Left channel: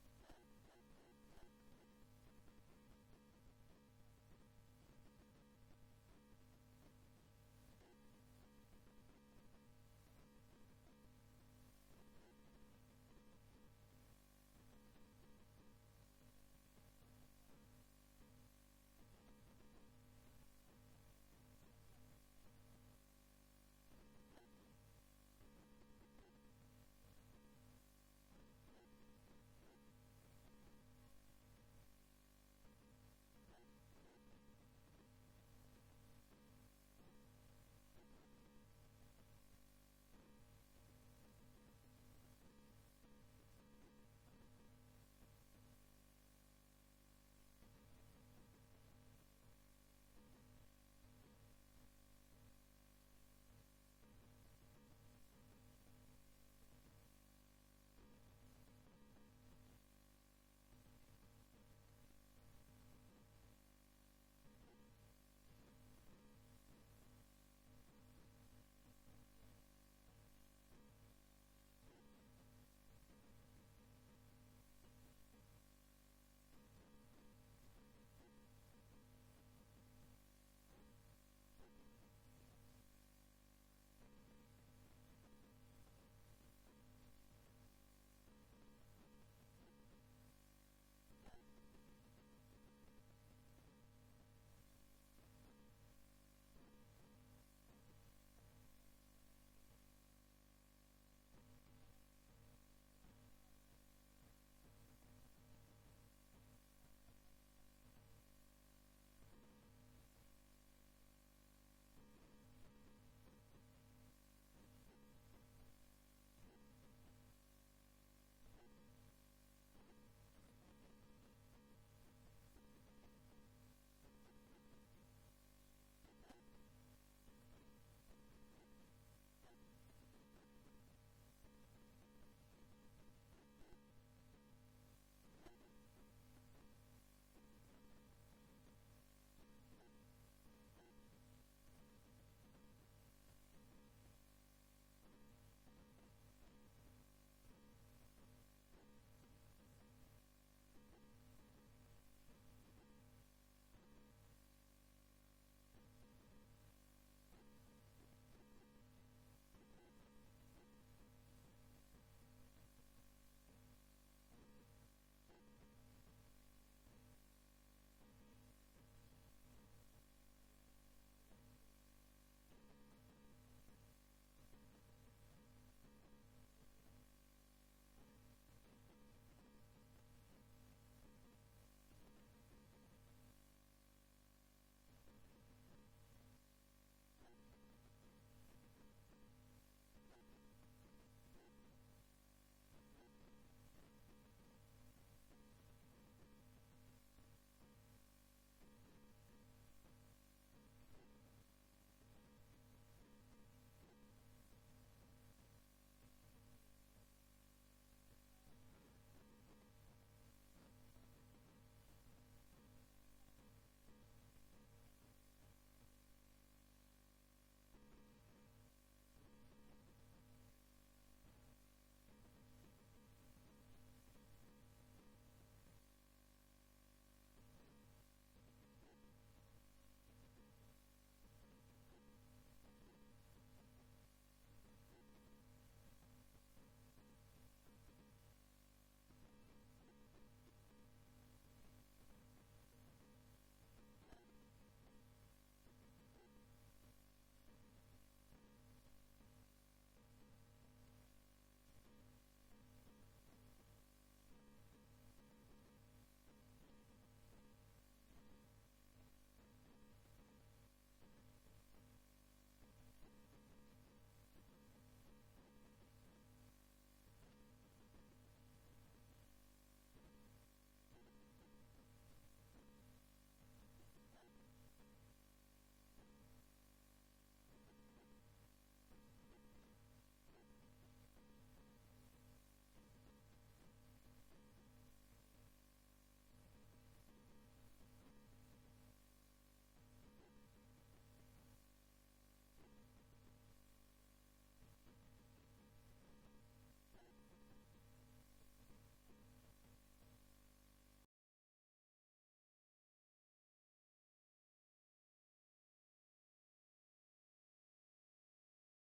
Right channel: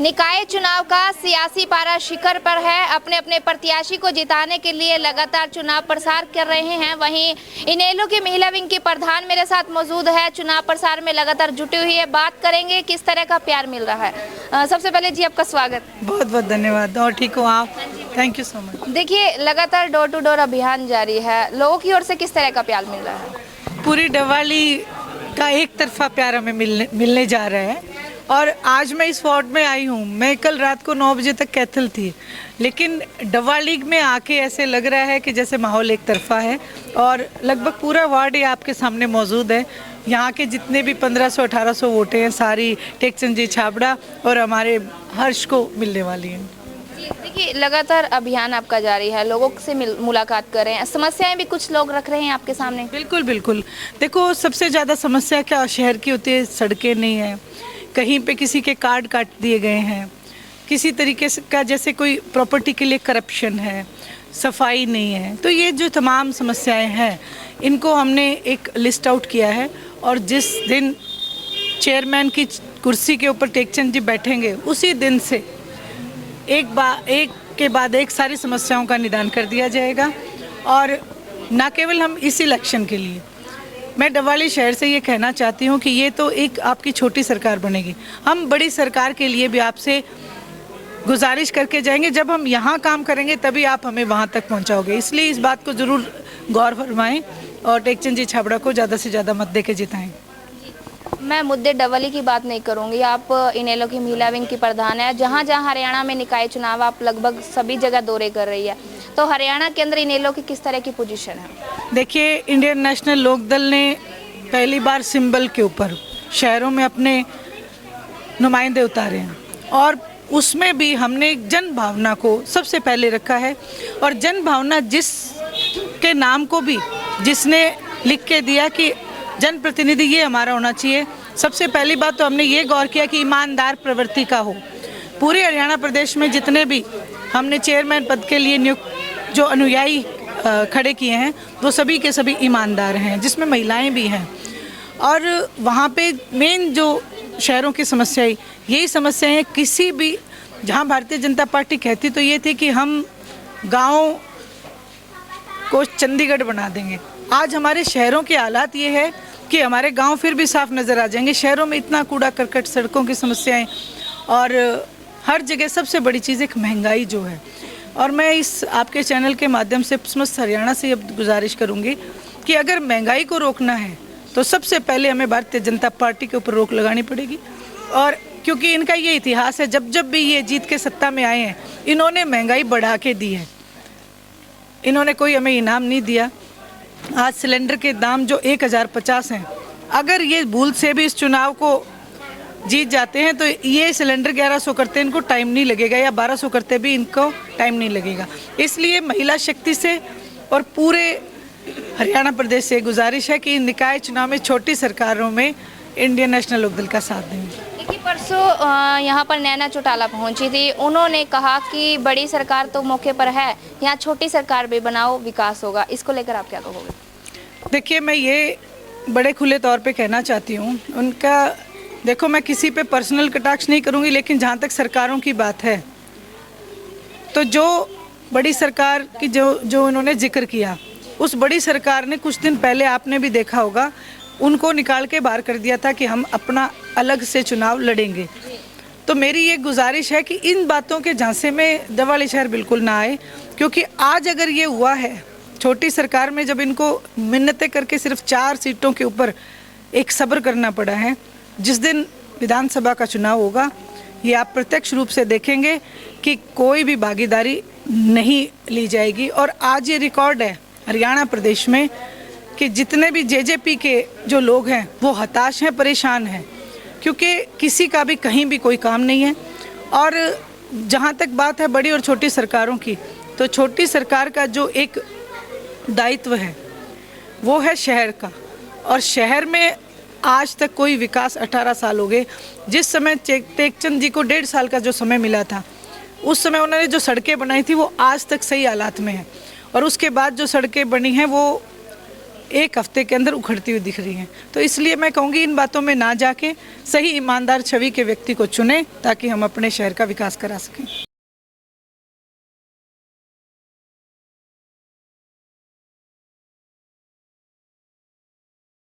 निकाय चुनाव का सियासी पारा शिखर पर है। अपने अपने प्रत्याशी को जिताने के लिए लगातार चुनाव प्रसार कर रहे हैं। वहीं इनेलो की महिला विंग की प्रधान मेरे साथ मौजूद है, चुनाव प्रसार में लगातार जुटी हुई है। बात करेंगे किस तरह का प्यार मिल रहा है। सबसे पहले जी आपका स्वागत। बहुत बहुत धन्यवाद। और ठीक हो आप? Thank you so much. देखिए, लगातार डोर टू डोर अभियान जारी है, लोगों की ओर से किस तरह का प्यार मिल रहा है? पूरी डवाली का एक तरफा प्यार हमें मिलने जा रहा है। और आज मैं इस वार्ड में आई हूँ। मैं कल रात को 9 बजे तक कैथल थी, लेकिन डवाली में आके ऐसे लग रहा है कि जैसे माहौल एक तरफा है। और लगभग पूरा वार्ड ये आपके सामने मौजूद है। यहाँ के जितने भी 1500-1800 वोटें हैं, सारी टेकचंद जी छाबड़ा और हमारे हर्ष को मिलने वाली हैं। देखिए, लगातार अभियान आपका जारी है, लोगों से मुलाकात कर रहे हैं, समस्याएं भी कुछ लोग रख रहे हैं आपके सामने। बिल्कुल बिल्कुल। देखो, सबसे ज़्यादा समस्या क्या शहर की होती है? सड़कें नहीं है, कहीं पे किसी के कार्ड काट दिए गए हैं, किसी तरीके से का जैसे कोई प्रॉपर्टी के लिए करप्शन है, सफाई नहीं है। तो ये जो तमाम समस्याएं हैं, इनको हमने एक लिस्ट आउट किया है। और जिस दिन चेयरमैन की कुर्सी के ऊपर टेकचंद जी बैठेंगे, उसी दिन से एक के बाद एक सारी समस्याओं का निदान कर दिया जाएगा। और न केवल हम इस इलेक्शन के लिए, मैं डवाली शहर से ये कहना चाहती हूँ कि ये तो एक आपकी छोटी सरकार बनेगी। हम बड़ी सरकार के लिए भी आपसे गुजारिश करके जाएंगे। जब हम यहाँ काम करेंगे तभी आप हमें वहाँ तक पहुँचाओगे। इसलिए इस बात को ज़रूर गौर फरमाएं और टेकचंद जी छाबड़ा को ज़्यादा से ज़्यादा मत दे के जिताएँ। मैं मुद्दे डबली की बात नहीं करूंगी। आप इनेलो की महिला विंग की प्रधान है। जहां जहां हरियाणा में निकाय चुनाव, आप लगभग सभी जगह दौरे कर रही है, तो हरियाणा के अंदर इनेलो की किस तरह की पोजीशन है? देखिए, इंडियन नेशनल लोकदल ने पहली बार सिंबल के ऊपर शहरों में अपने नुमाइंदे उतारे हैं। और उसमें भी हमने जन भावना को सबसे पहले रखा है। और जन भावना जिस के नाम को भी जिसने लिख के दिया कि जनप्रतिनिधि ये हमारा होना चाहिए, सबसे पहली बात तो हमने ये गौर किया कि ईमानदार प्रवृत्ति का हो। पूरे हरियाणा प्रदेश में जितने भी हमने चेयरमैन पद के लिए नियुक्त जो अनुयायी खड़े किए हैं, वो सभी के सभी ईमानदार हैं, जिसमें महिलाएं भी हैं। और वहाँ पे मेन जो शहरों की समस्याएं, यही समस्याएं हैं। किसी भी जहाँ भारतीय जनता पार्टी कहती तो ये थी कि हम गाँव को चंडीगढ़ बना देंगे। आज हमारे शहरों के हालात ये है कि हमारे गांव फिर भी साफ नज़र आ जाएंगे। शहरों में इतना कूड़ा करकट, सड़कों की समस्याएं, और हर जगह सबसे बड़ी चीज़ एक महंगाई जो है। और मैं इस आपके चैनल के माध्यम से समस्त हरियाणा से अब गुजारिश करूंगी कि अगर महंगाई को रोकना है तो सबसे पहले हमें भारतीय जनता पार्टी के ऊपर रोक लगानी पड़ेगी। और क्योंकि इनका ये इतिहास है, जब जब भी ये जीत के सत्ता में आए हैं, इन्होंने महंगाई बढ़ा के दी है। इन्होंने कोई हमें इनाम नहीं दिया। आज सिलेंडर के दाम जो 1050 हैं, अगर ये भूल से भी इस चुनाव को जीत जाते हैं तो ये सिलेंडर 1100 करते इनको टाइम नहीं लगेगा, या 1200 करते भी इनको टाइम नहीं लगेगा। इसलिए महिला शक्ति से और पूरे हरियाणा प्रदेश से गुजारिश है कि निकाय चुनाव में छोटी सरकारों में इंडियन नेशनल लोकदल का साथ दें। देखिए, परसों यहाँ पर नैना चौटाला पहुंची थी, उन्होंने कहा कि बड़ी सरकार तो मौके पर है, यहाँ छोटी सरकार भी बनाओ, विकास होगा। इसको लेकर आप क्या कहोगे? देखिए, मैं ये बड़े खुले तौर पे कहना चाहती हूँ उनका। देखो, मैं किसी पे पर्सनल कटाक्ष नहीं करूँगी, लेकिन जहाँ तक सरकारों की बात है, तो जो बड़ी सरकार की जो उन्होंने जिक्र किया, उस बड़ी सरकार ने कुछ दिन पहले, आपने भी देखा होगा, उनको निकाल के बाहर कर दिया था कि हम अपना अलग से चुनाव लड़ेंगे। तो मेरी ये गुजारिश है कि इन बातों के झांसे में डवाली शहर बिल्कुल ना आए। क्योंकि आज अगर ये हुआ है छोटी सरकार में, जब इनको मिन्नतें करके सिर्फ 4 सीटों के ऊपर एक सब्र करना पड़ा है, जिस दिन विधानसभा का चुनाव होगा, ये आप प्रत्यक्ष रूप से देखेंगे कि कोई भी भागीदारी नहीं ली जाएगी। और आज ये रिकॉर्ड है हरियाणा प्रदेश में कि जितने भी जेजेपी के जो लोग हैं वो हताश हैं, परेशान हैं, क्योंकि किसी का भी कहीं भी कोई काम नहीं है। और जहाँ तक बात है बड़ी और छोटी सरकारों की, तो छोटी सरकार का जो एक दायित्व है वो है शहर का। और शहर में आज तक कोई विकास, 18 साल हो गए। जिस समय टेकचंद जी को 1.5 साल का जो समय मिला था, उस समय उन्होंने जो सड़कें बनाई थी वो आज तक सही हालात में है। और उसके बाद जो सड़कें बनी हैं वो एक हफ्ते के अंदर उखड़ती हुई दिख रही हैं। तो इसलिए मैं कहूँगी इन बातों में ना जाके सही ईमानदार छवि के व्यक्ति को चुनें ताकि हम अपने शहर का विकास करा सकें।